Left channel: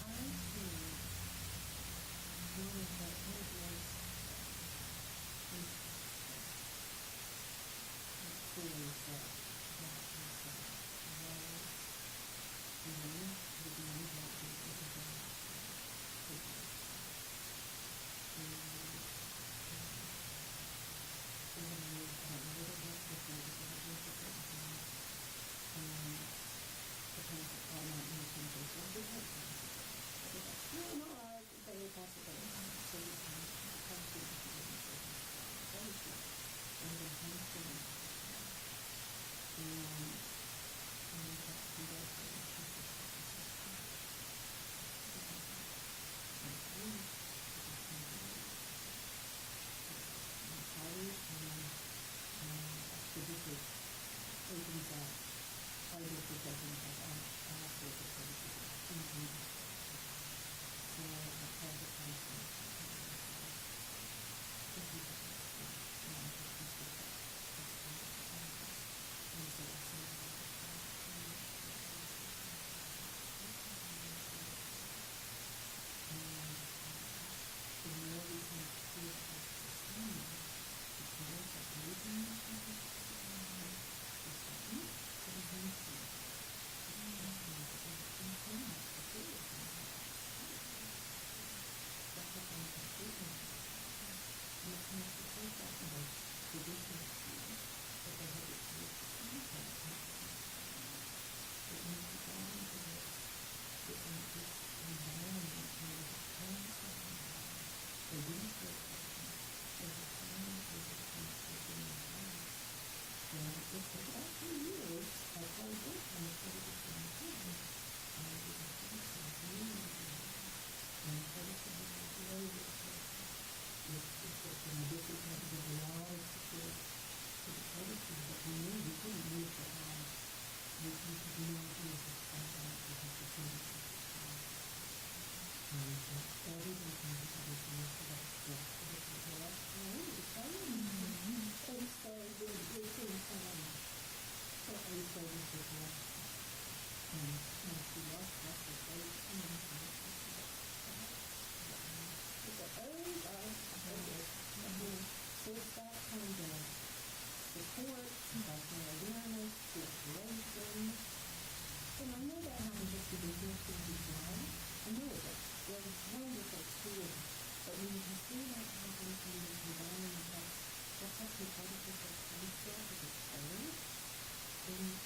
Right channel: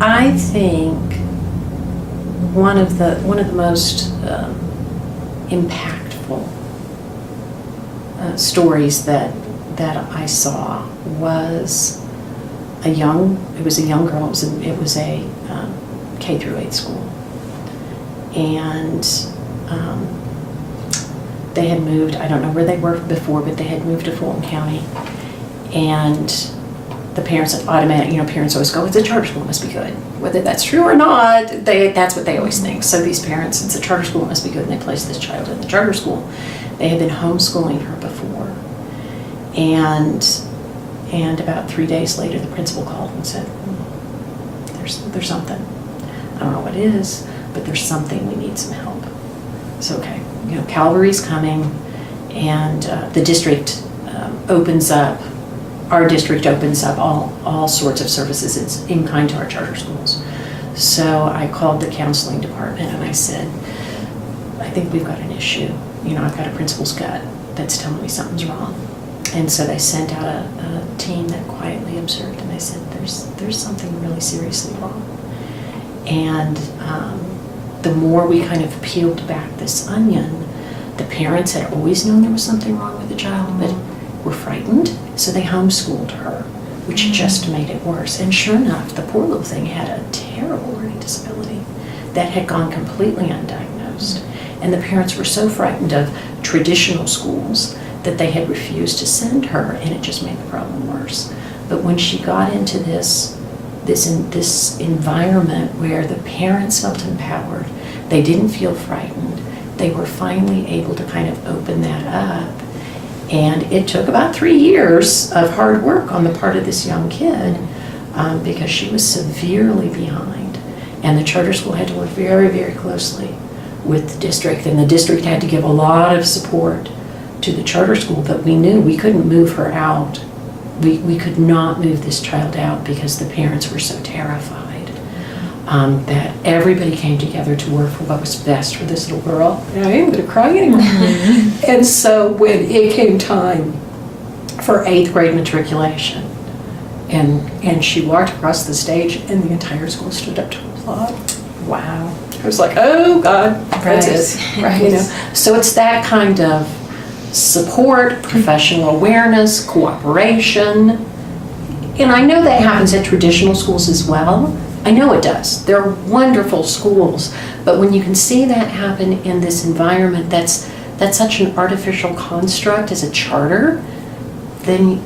I think one of the most impactful stories that I saw was it was a young girl. It was a K through 8 school, and they had moved. I don't know where they were before, but they had moved to Fulton County, and the parents automatically, parents always go, "It's a charter school, it must be good." Whether that's true or not, that's what they always think. So these parents, it's a charter school, it must be good, and they placed this child in the charter school. They had been homeschooling her before, and about 3 days later, the principal called and said, "There's something. I don't know what it is, but there's something. We need some help." So okay, Calvary's coming, and the district opens up. Our district opens up all sorts of services. It's in kind to our charter schools. So I called the counseling department and I said, "I think we've got an issue. I've got a principal's gut that's telling me something's wrong." And so they sent out a team that quietly observed, and they said, there's something really seriously wrong. And the more we kind of peeled back this onion, the parents had always known there was something wrong with the child, but were frightened, so they homeschooled her, which just made it worse. And sure enough, the poor little thing had a terrible learning disability that had gone completely undiagnosed. And the parents were so frightened of traditional schools that they had refused to send her, and it just made the problem worse. But when she got into this environment where the parents felt empowered, they didn't feel frightened, they were finally able to kind of open that up. And it took about 3 years of hard work on the part of this young kid because she was severely behind. And the charter school had to work very, very closely with the district, and the district had to give a lot of support to the charter school, but we knew we couldn't move her out. We could not move this child out because the parents were so terrified that everybody came together to work for what was best for this little girl. And I ain't gonna cry anymore. And so when it came time for 8th grade matriculation, and she walked across the stage and the entire school stood up to applaud. Wow. I was like, oh God, that's it. Right. So it's that kind of support, professional awareness, cooperation. And I know that happens at traditional schools as well. I know it does. They're wonderful schools. But when you can see that happen in this environment that's such an artificial construct as a charter, then,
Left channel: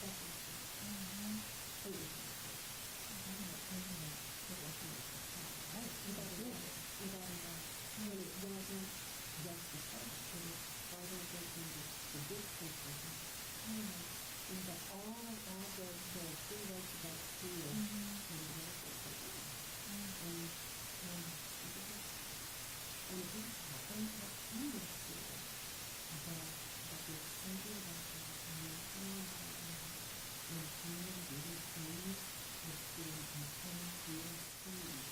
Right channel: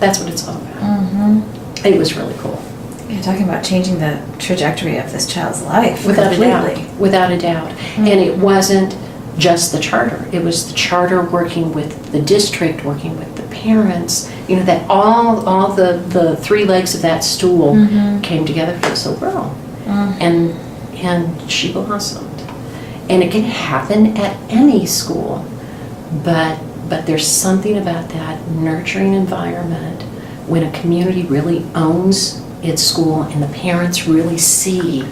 that's what it's all about. Mm-hmm. It was really cool. You're talking about changing the trajectory of this child's life. Without completely. a doubt. Without a doubt. Mm-hmm. And it wasn't just the charter. It was the charter working with the district, working with the parents, that all the 3 legs of that stool came together for this little girl. And she blossomed. And it can happen at any school, but there's something about that nurturing environment when a community really owns its school and the parents really see,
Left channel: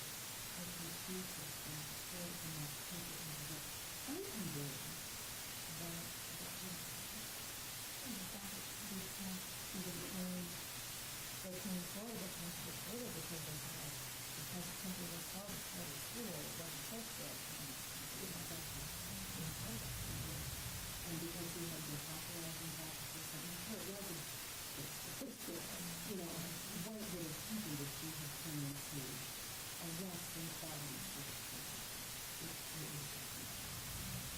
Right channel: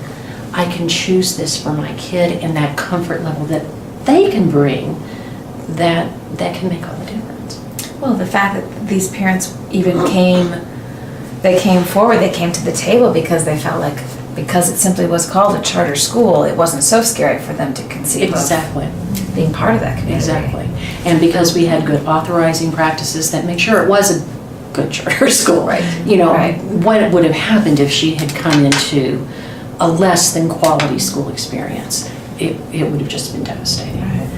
I can choose this for my kid, and that comfort level that they can bring, that can make all the difference. Well, the fact that these parents even came forward, they came to the table because they felt like, because it simply was called a charter school, it wasn't so scary for them to conceive Exactly. of being part of that community. Exactly. And because we had good authorizing practices that make sure it was a good charter school. Right. Right. What would have happened if she had come into a less than quality school experience? It would have just been devastating. Right.